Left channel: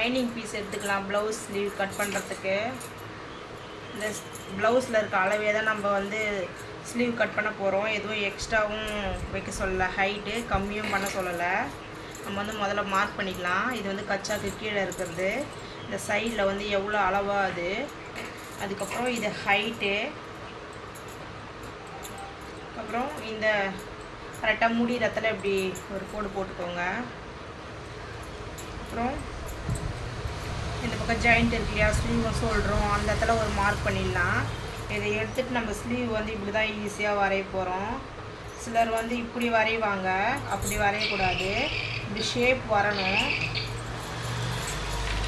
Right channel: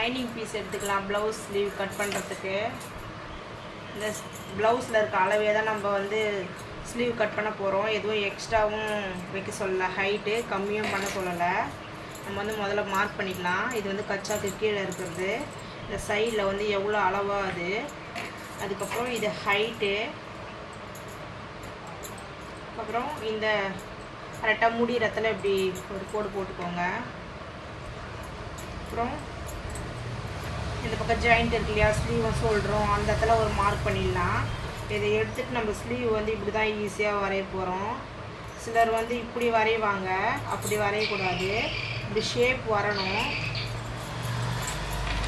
Lining piece எடுத்துக்கலாம் blouse sleeve cut பண்ணுறதுக்கு இந்த ப்ளவுஸில் இருக்க அளவே தான் நம்ம வந்து ஸ்லீவ் கட் பண்ண போகிறோம் எதுவும் எக்ஸ்ட்ராவும் வைக்க சொல்லலை. ஹைட்டு கம்மியும் பண்ண சொல்லலை. நம்ம வந்து முதல்ல மார்க் பண்ணிக்கலாம். இது வந்து கச்சாக்கு கீழே இருக்கிறது. இந்த சைடில் வந்து எவ்வளோ அளவாக அது? அதுக்கப்புறம் இது ஹைட்டு அப்புறம் இந்த கரெக்டாக முடிகிறத்துல இப்படி ஒரு கோடு போட்டுக்கோங்க. அப்புறம் இந்த பக்கம் ஜாயிண்ட் இருக்கு இல்லையா ஸ்லீவை சொல்கிறோம் அந்த இடத்துல ஒரு மார்க் பண்ணிடலாம். இதை எடுத்துட்டு நம்ம ஸ்லீவ் வந்து இப்படி தான் ஈஸியாக வரைய போகிறோம் சிலர் வந்து இப்படி வரைவாங்க. அப்படி வரையக்கூடாது. இப்படி ஷேப் வரணும்.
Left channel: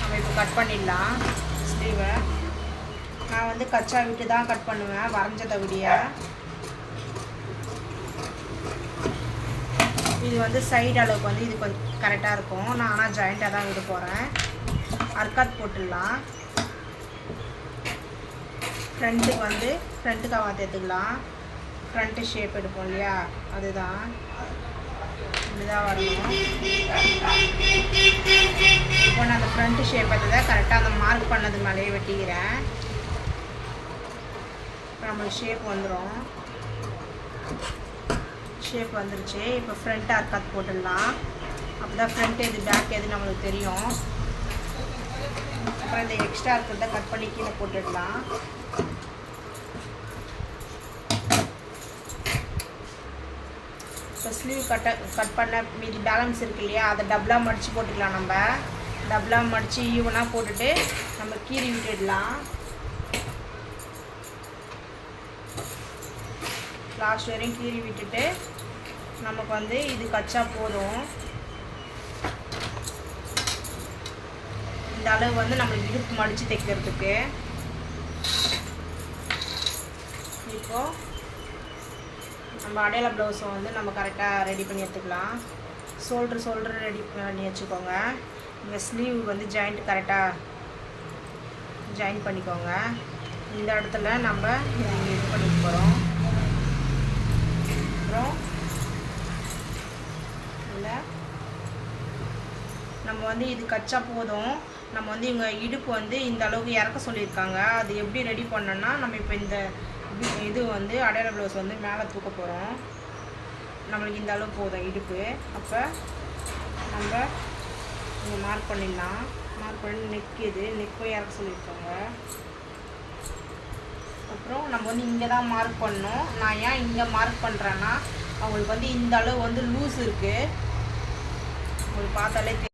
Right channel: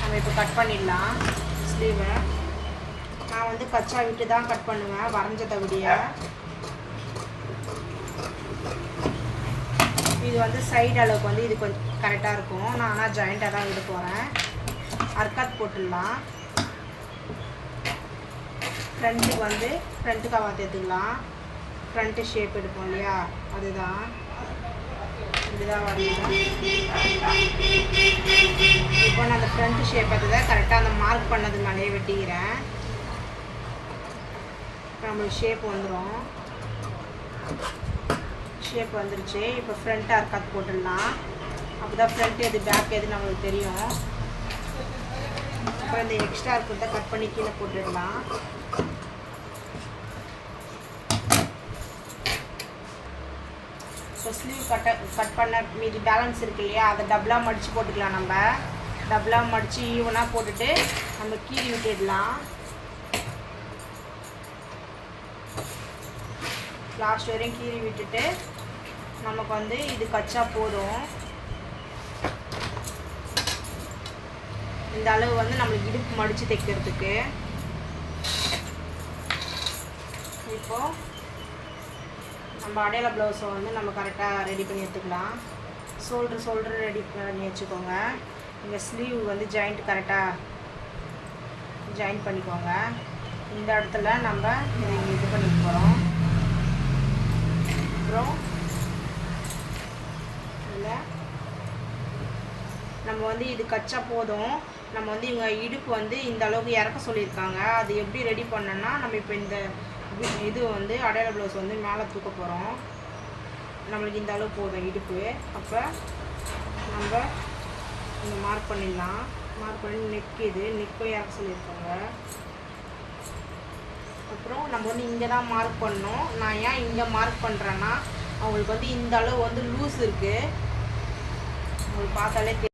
நம்ம இப்போ கட் பண்ணிடலாம் ஸ்லீவை நான் வந்து கச்சா விட்டு தான் கட் பண்ணுவேன் வரைஞ்சதை விடிய இது வந்து சைடு அளவுக்கு வந்து இது கொஞ்சம் கரெக்டாக இருக்கும். நான் ஆனால் ஜாயிண்ட்டாக தான் விட போகிறேன் அர்க்காத் போட்டுடலாம். ஃப்ரண்ட்டுக்கு வந்து ஃப்ரண்ட்டு கவாத் எடுத்துக்கலாம். ஃப்ரண்ட்டு ஷேப் எடுப்போம் இல்லையா? அதுதான். இப்படிதான் வரணும் இப்போ நான் அந்த ஃப்ரண்ட்டு ஷேப் தான் கரெக்டாக அந்த மார்க் பண்ணது மேலேயே வெட்டிக்கிறேன். நம்மளுக்கு ஷேப் வந்துடும் ஷேப் வந்துருச்சு. இப்போ ஃப்ரண்ட் அர்க்காத் போட்டுடலாம். அப்போ தான் ஃப்ரண்ட் எது பேக் எது நம்மளுக்கு தெரியும். அப்புறம் இந்த எக்ஸ்ட்ரா இருக்கிறத கட் பண்ணி கீழே போட்டுடலாம். இப்போ ஸ்லீவ் கட்ட கட் பண்ண மீதி பேலன்ஸ் இருக்கு இல்லையா அதை டபுளாக மடித்து போட்டுக்கலாம் நம்ம. டபுளாக மடித்து ஈவனாக போட்டுட்டு நம்ம கீறி விட்டுடலாம். லாஸ்ட் வரையும் கீறி விட்டுட்டு நமக்கு வந்து இது கச்சா போதும். இந்த அளவு வந்து நம்மளுக்கு இடுப்பு மடித்து தைக்கிறதுக்கு. இப்போது நம்ம அடையாள ப்ளவுஸை வந்து நம்ம கரெக்டாக ரெடி பண்ணி எடுத்துக்கலாம். ஷோல்டர் ஷோல்டர் ரெடி பண்ணி வச்சுக்கோங்க. இங்கே ஸ்லீவ் வந்து ஜாயிண்ட் கரெக்டாக ஜாயின் பண்ணிக்கோங்க. இந்த இடத்துல நம்ம இது இது பண்ணிக்க போகிறோம் அப்புறம் இல்லை நம்ம வந்து இது கச்சா போதும். நம்ம வந்து இவங்க இடுப்பு வந்து இந்த அளவுக்கு இறக்க சொல்லியிருக்காங்க. அது எப்படி ரெடி பண்ணோன்னா நம்ம இப்போ இந்த இது வந்து அடையாள ப்ளவுஸ் வந்து மேலே தூக்க போகிறோம் நம்மளுக்கு இந்த அளவு போதும் இடுப்பு. அப்போ நம்ம இங்கே மார்க் பண்ணிடலாம். மார்க் பண்ணி நெக் இது நெக்கும் இறக்க சொல்லியிருக்காங்க. அப்புறம் நம்ம வந்து இங்கே தான் மார்க் பண்ணோம். நான் ஏன் இங்கே மார்க் பண்ணுறேன்னா அவங்களுக்கு வந்து இந்த அளவு வந்து லூஸ் இருக்குது உங்களுக்கு பார்த்தாலே தெரியும்